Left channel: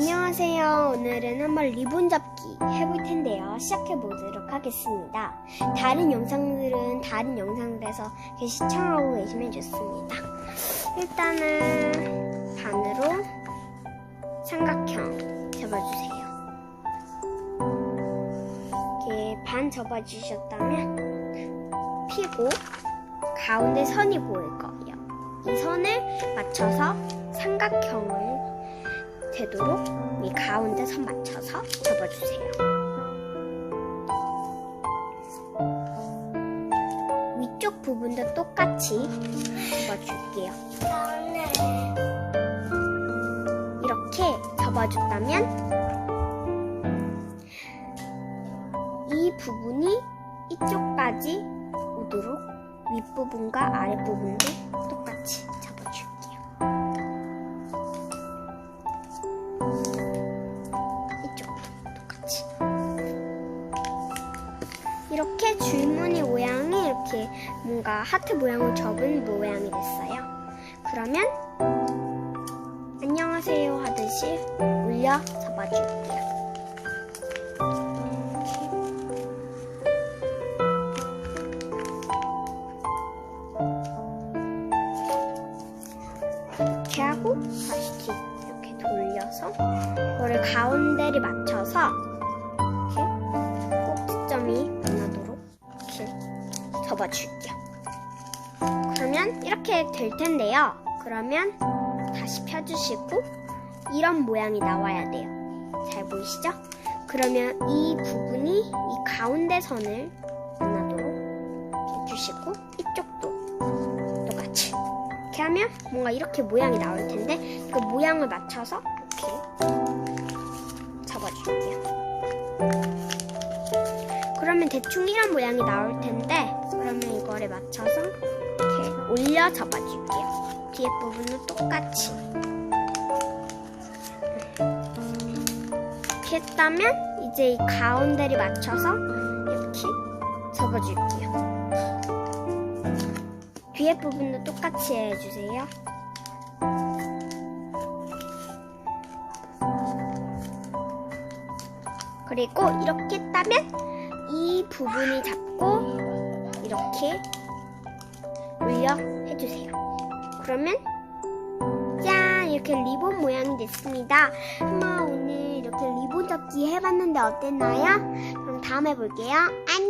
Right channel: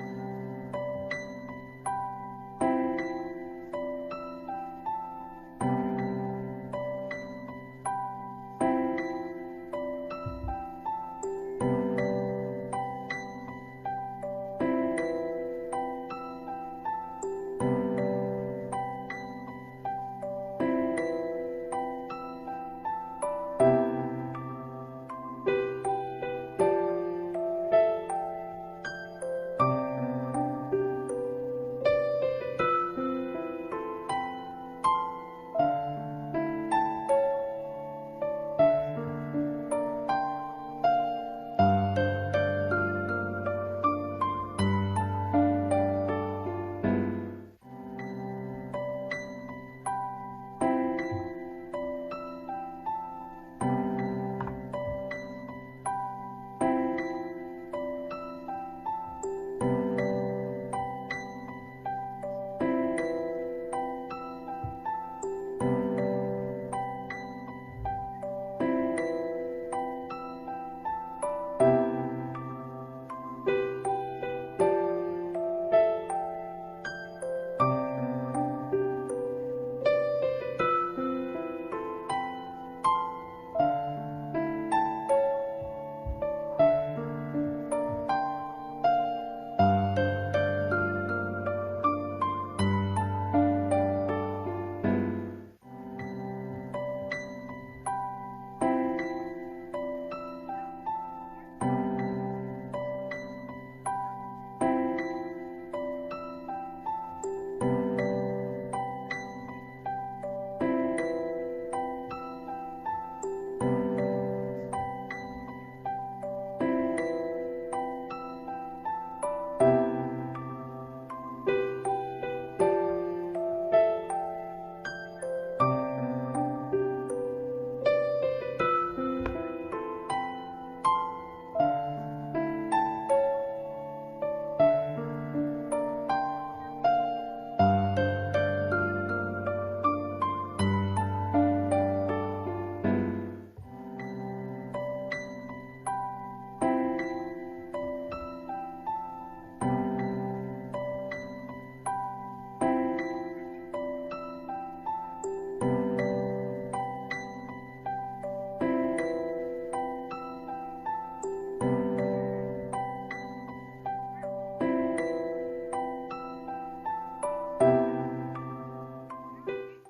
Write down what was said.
안녕하세요. 오늘은 한번 리본 잡기 해볼 텐데요. 시작해 보도록 하겠습니다. 다른 영상들은 다른 영상들에서 시청하고 계시면 좋습니다. 일단은 반으로 삼각형 접어주세요. 이렇게 반 접어주셨다면 피고 가운데 선이 보일 거예요. 이 선을 맞춰서 삼각형을 되도록 이 가운데 선 맞춰서 접어주세요. 위쪽 부분도 똑같이 접어줄게요. 이렇게 접어준다면 이 부분이 이쪽까지 오도록 윗부분과 아랫부분도 똑같이 하트 모양을 접은 모양이 됐어요. 그러면 안녕하세요 하듯이 올려 접어줄게요. 이렇게 하고 다시 이렇게 돌려서 이거를 가운데를 맞춰서 이렇게 꼭지점이 나도록 이렇게 접어줄게요. 그러면 이렇게 될 텐데요. 그러면 다시 펴주시고 이런 모양이 나와야 돼요. 잘 보이시죠? 그러면 이 부분이 이 가운데 선을 만나도록 해주시고 이쪽도 똑같이 이렇게 하면 뭔가 이렇게 모양이 나올 텐데 그 모양을 맞춰서 이렇게 접어줄게요. 그러면 대충 이런 모양이 나올 텐데 그러면 이거를 맞춰서 올려 접어줄게요. 뒤에 부분은 똑같이 이렇게 했다면 이제 이 가운데를 맞춰서 이렇게 접어줄게요. 뒤에 부분도 똑같이 해주세요. 그리고 이렇게 했다면 이 부분이 잡고 해주세요. 그러면 짠 이렇게 리본 모양이 됐습니다. 한번 오늘 이렇게 리본 접기 해봤는데 어땠나요? 그럼 다음에 볼게요. 안녕.